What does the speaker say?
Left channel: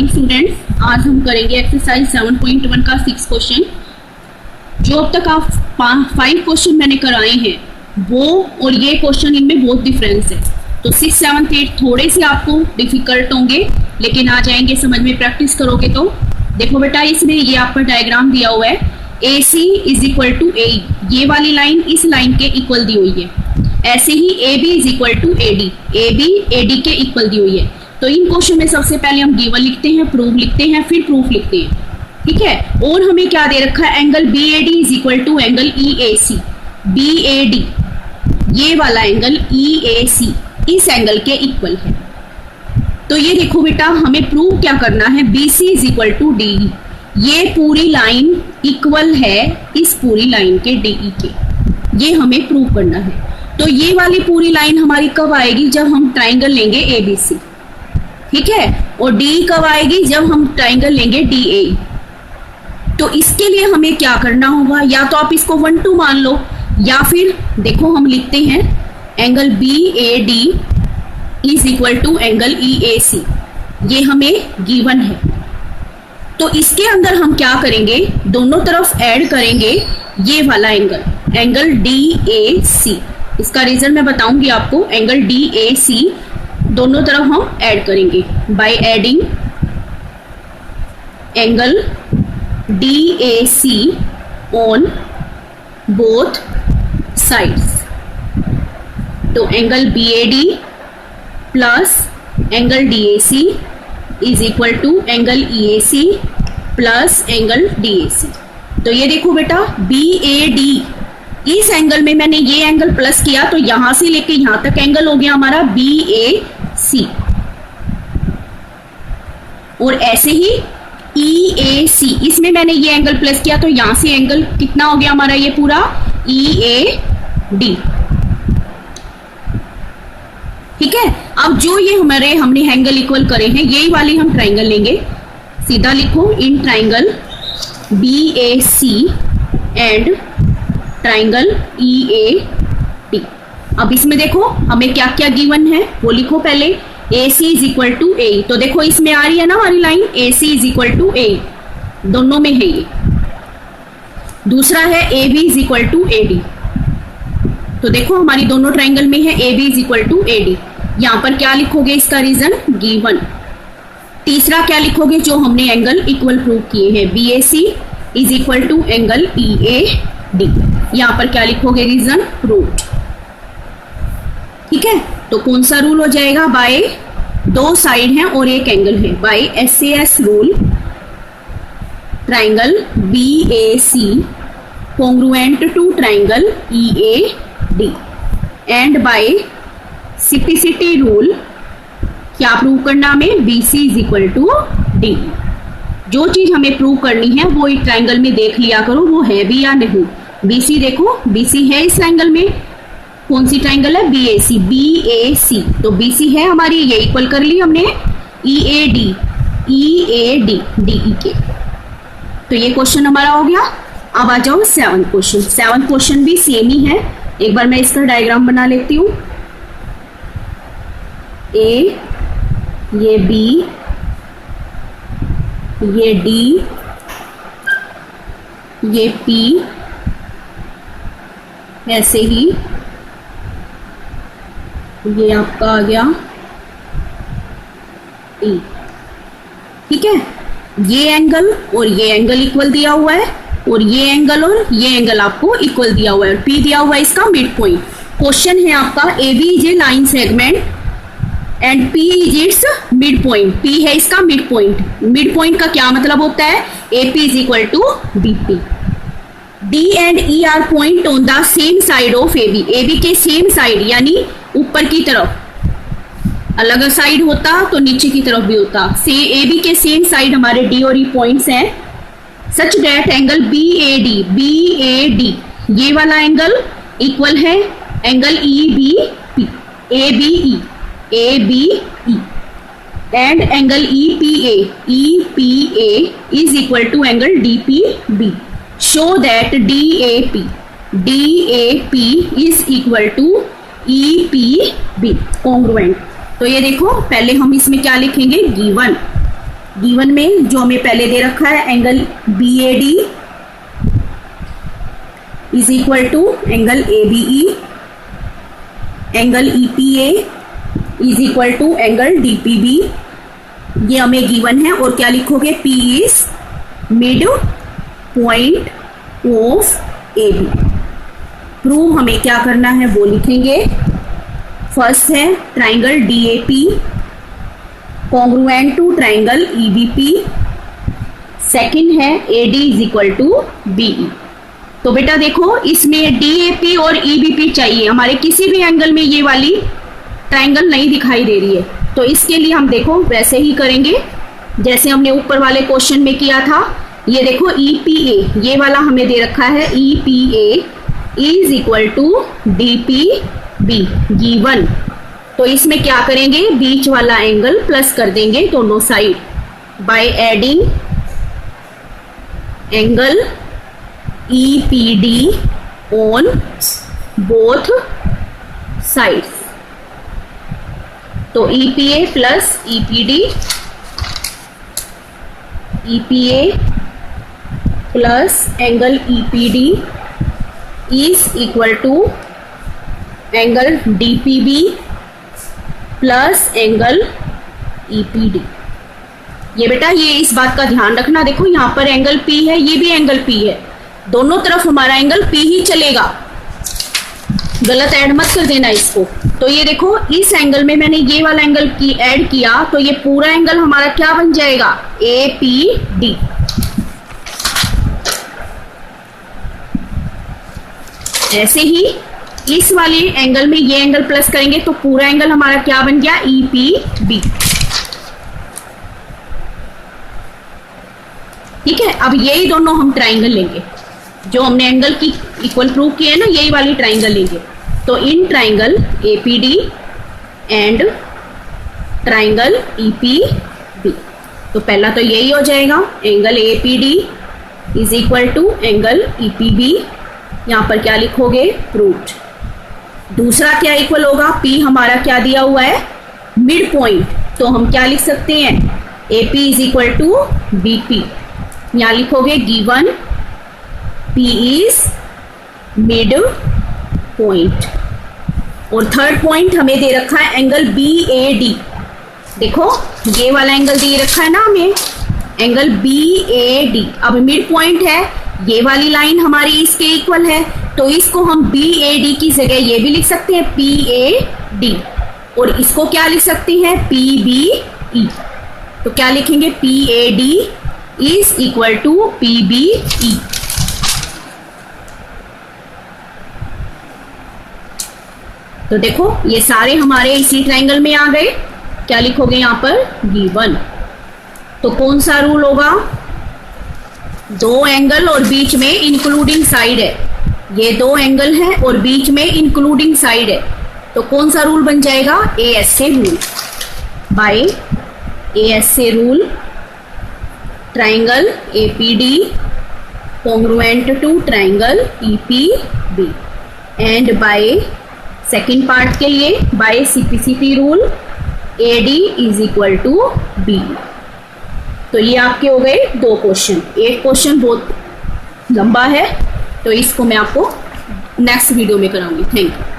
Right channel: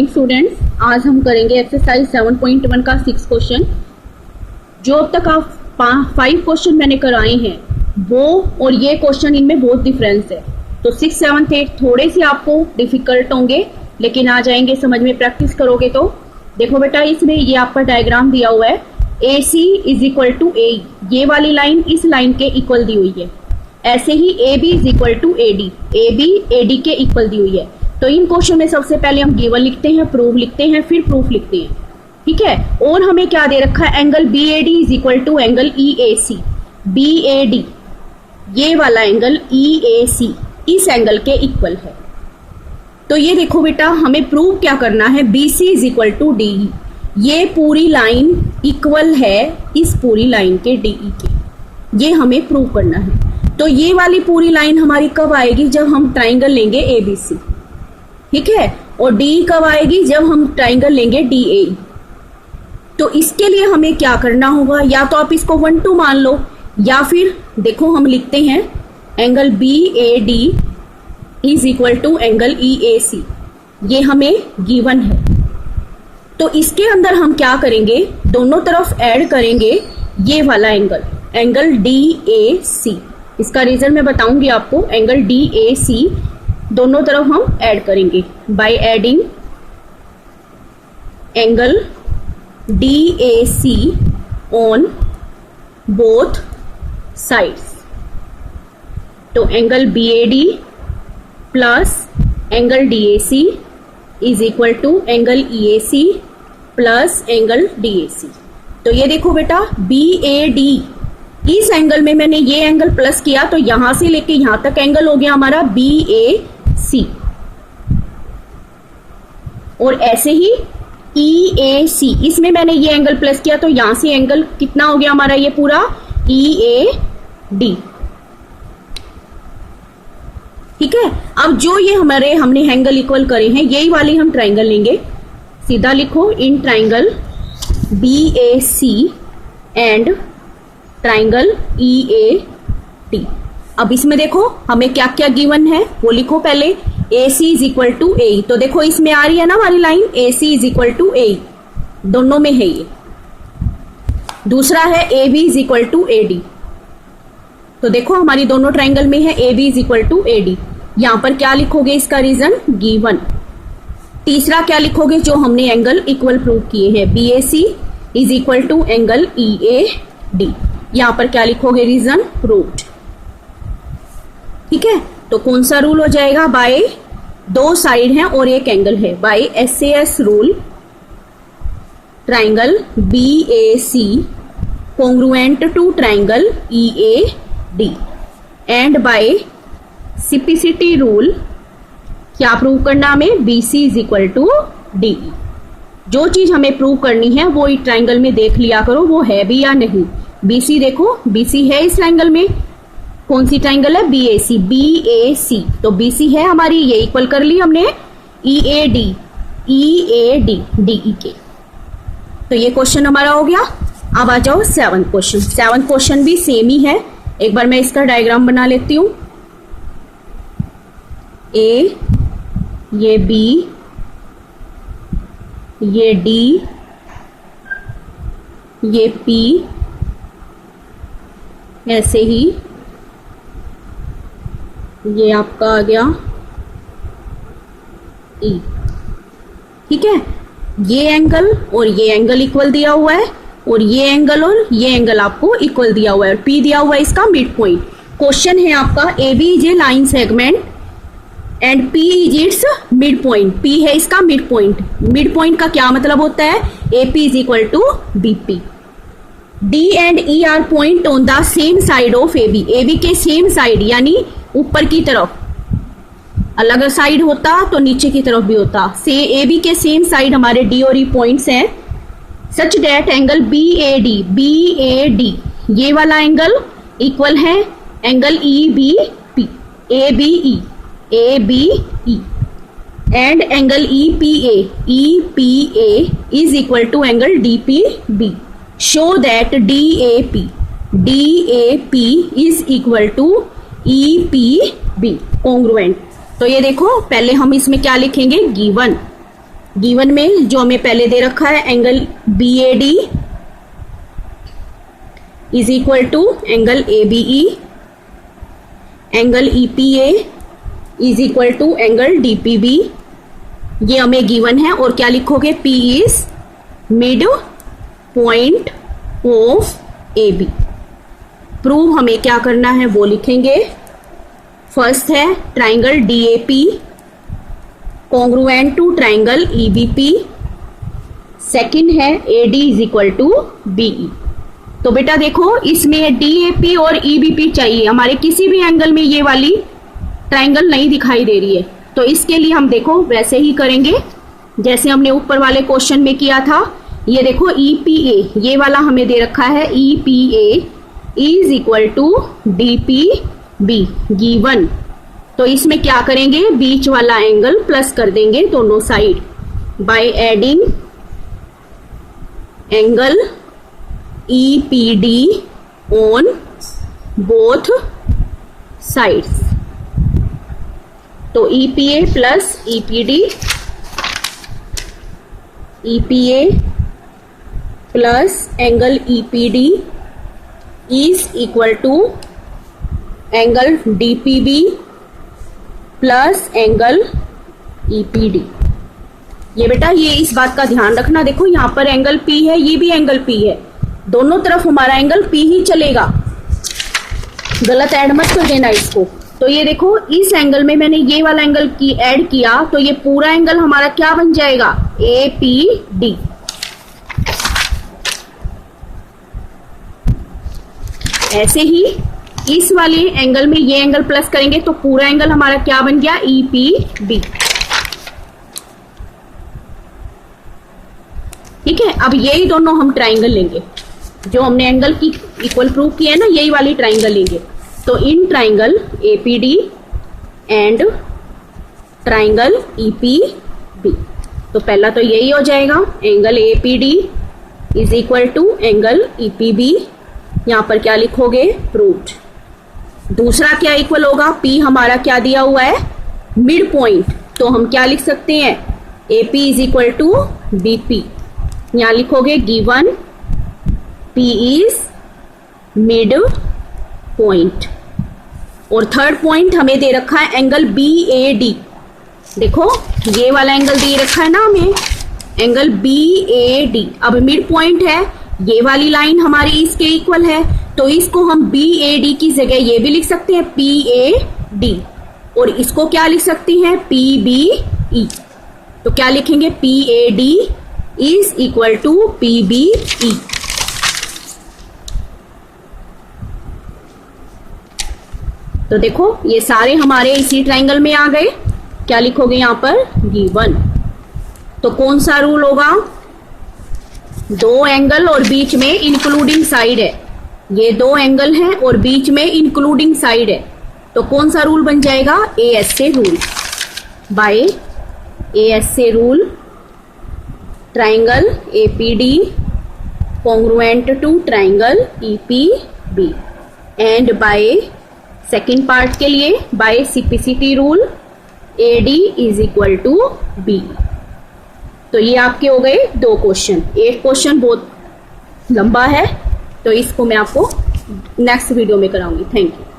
Students, आज हम करेंगे एक्सरसाइज 7.1 का 6 क्वेश्चन। जो अब तक आप 5 क्वेश्चन मैंने कराए हैं वो और ये क्वेश्चन, इनमें बहुत डिफरेंस है। तो 6, 7, 8 थोड़े से आपको डिफिकल्ट होंगे, लेकिन आ जाएंगे समझ में, प्रैक्टिस करोगे तो। देखो बेटा, इसमें ये आपका डायग्राम दिया हुआ है, ए सी इज इक्वल टू ए। ये वाली लाइन इस लाइन के इक्वल दी हुई है। ऐसे ही A B is equal to A D, A B A D के इक्वल दी हुई है। तो इन क्वेश्चन में सबसे पहले हम गिवन लिखते हैं, प्रूफ लिखते हैं, फिर प्रूफ लिखते हैं, ठीक है। और हमें क्या दे रखा है, angle B A D is equal to angle E A C. B A D, ये वाला एंगल ई ए सी इस एंगल के इक्वल है। तो ये देखो बेटा, हमें प्रूव क्या करना है, B C is equal to D E. ये पूरी लाइन इक्वल है इस पूरी लाइन के डी ई के, ये हमें प्रूव करना है। तो ये वाली पूरी लाइन हमारी कब आएगी, जब हम ट्राइंगल लेंगे ए बी सी, ठीक है। और डी कब आएगी, जब हम ट्राइंगल लेंगे डी ए। तो इसके लिए हमें क्या करना होगा, या तो आप इसको 1 2 मान लो, या फिर देखो हम लिखते हैं angle B A D is equal to angle E A C. ये हमें गिवन है। तो इसके अंदर हम क्या करेंगे, दोनों तरफ ऐड करेंगे ये वाला एंगल, एंगल डी ए सी। इसका रीजन मैं बताऊंगी आपको। एंगल डी ए सी दोनों तरफ हम ऐड करेंगे by adding angle D A C on both sides. तो angle B A D plus angle D A C is equal to angle E A C plus angle D A C. तो ये देखो बेटा, B A D, इस angle में मैंने ये angle plus किया, तो यहां से लेके यहां तक एंगल हो गया हमारा बी ए सी। और ऐसे ही ई ए सी, इसमें मैंने ये एंगल प्लस किया, तो यहां से एंगल कितना हो गया हमारा, ये पूरा ई ए डी, ठीक है। अब जो ये हमने एंगल इक्वल करे हैं, यही वाली हम ट्राइंगल लेंगे। सीधा लिखो, in triangle B A C and triangle E A T. अब इसमें देखो हमें क्या क्या गिवन है वो लिखो पहले। A C is equal to A, तो देखो इसमें आ रही है ना हमारी line, A C is equal to A, दोनों में है ये। दूसरा है A B is equal to A D, तो देखो हमारी दोनों ट्राइंगल में है A B is equal to A D. यहां पर क्या लिखोगे, इसका रीजन गिवन। तीसरा क्या लिखोगे, जो हमने एंगल इक्वल प्रूव किए हैं, B A C is equal to angle E A D. यहां पर क्या लिखोगे, रीजन प्रूव्ड, ठीक है। तो कौन सा रूल हो जाएगा, बाय दो साइड हैं और एक एंगल है, by S A S rule, triangle B A C congruent to triangle E A D, and by simplicity rule, क्या प्रूव करना हमें, B C is equal to D. जो चीज हमें प्रूव करनी है वो ट्राइंगल में देख लिया करो, वो है भी या नहीं। बी सी देखो, बी सी है इस ट्राइंगल में, कौन सी ट्राइंगल है, B A C, B A C, तो बी सी है हमारी, ये इक्वल कर ली हमने E A D, E A D, D E के। तो ये क्वेश्चन हमारा हो गया। अब आ जाओ 7th क्वेश्चन। 7th क्वेश्चन भी सेम ही है। एक बार मैं इसका डायग्राम बना लेती हूँ। ए, ये बी, ये डी, ये पी, ऐसे ही ये आपका आ गया ई, ठीक है। ये एंगल और ये एंगल इक्वल दिया हुआ है, और ये एंगल और ये एंगल आपको इक्वल दिया हुआ है, और पी दिया हुआ है इसका मिड पॉइंट। क्वेश्चन है आपका, A B is a line segment and P is its mid point. P है इसका मिड पॉइंट। मिड पॉइंट का क्या मतलब होता है, A P is equal to B P. D and E are point on the same side of A B. A B के same side, यानी ऊपर की तरफ, अलग साइड होता तो नीचे की तरफ भी होता, से ए बी के सेम साइड हमारे डी और ई पॉइंट्स हैं, such that angle B A D, B A D ये वाला एंगल इक्वल है angle E B P, A B E, A B E, and angle E P A is equal to angle D P B. Show that D A P is equal to E P B congruent. तो ये देखो, पहले हम इसमें क्या लिखेंगे, given, given में जो हमें पहले दे रखा है angle BAD is equal to angle ABE, angle EPA is equal to angle DPB, ये हमें गिवन है। और क्या लिखोगे, P is mid point of AB। Prove हमें क्या करना है वो लिखेंगे। फर्स्ट है triangle DAP congruent to triangle EBP, second है AD is equal to BE। तो बेटा देखो, इसमें DAP और EBP चाहिए, हमारे किसी भी एंगल में ये वाली ट्राइंगल नहीं दिखाई दे रही है। तो इसके लिए हम देखो वैसे ही करेंगे जैसे हमने ऊपर वाले क्वेश्चन में किया था। ये देखो EPA, ये वाला हमें दे रखा है EPA is equal to DPB given. तो इसमें क्या करेंगे, बीच वाला एंगल प्लस कर देंगे दोनों side by adding angle EPD on both sides. तो EPA plus EPD, EPA plus angle EPD is equal to angle DPB plus angle EPD। ये बेटा ये इस बात का ध्यान रखना, देखो यहाँ पर एंगल P है, ये भी एंगल P है, दोनों तरफ हमारा एंगल P ही चलेगा, गलत ऐड मत कर देना इसको। तो ये देखो इस एंगल में मैंने ये वाला एंगल की ऐड किया, तो ये पूरा एंगल हमारा क्या बन जाएगा, APD। ऐसे ही इस वाले एंगल में ये एंगल प्लस करेंगे तो पूरा एंगल हमारा क्या बन गया, EPB। ठीक है, अब यही दोनों हम ट्राइंगल लेंगे, जो हमने एंगल की इक्वल प्रूव किया है ना, यही वाली ट्राइंगल लेंगे। तो in triangle APD and triangle EPB, तो पहला तो यही हो जाएगा, angle APD is equal to angle EPB। यहाँ पर क्या लिखोगे, प्रूव्ड। दूसरा क्या इक्वल होगा, P हमारा क्या दिया हुआ है, मिड पॉइंट, तो हम क्या लिख सकते हैं, AP is equal to BP। यहाँ लिखोगे given P is mid point. और थर्ड पॉइंट हमें दे रखा है एंगल BAD। देखो ये वाला एंगल दे रखा है ना हमें, एंगल BAD। अब मिड पॉइंट है, ये वाली लाइन हमारी इसके इक्वल है, तो इसको हम BAD की जगह ये भी लिख सकते हैं PAD, और इसको क्या लिख सकते हैं, PBE। तो क्या लिखेंगे, PAD is equal to PBE। तो देखो ये सारे हमारे इसी ट्राइंगल में आ गए। क्या लिखोगे यहाँ पर, गिवन। तो कौन सा रूल होगा, दो एंगल और बीच में इंक्लूडिंग साइड है, ये दो एंगल हैं और बीच में इंक्लूडिंग साइड है, तो कौन सा रूल बन जाएगा, ASA rule. By ASA rule triangle APD congruent to triangle EPB, and by second part के लिए by CPCP rule AD is equal to B। तो ये आपके हो गए दो क्वेश्चन। एक क्वेश्चन बहुत लंबा है, तो इसको मैं आपको नेक्स्ट वीडियो में कराऊंगी। Thank you.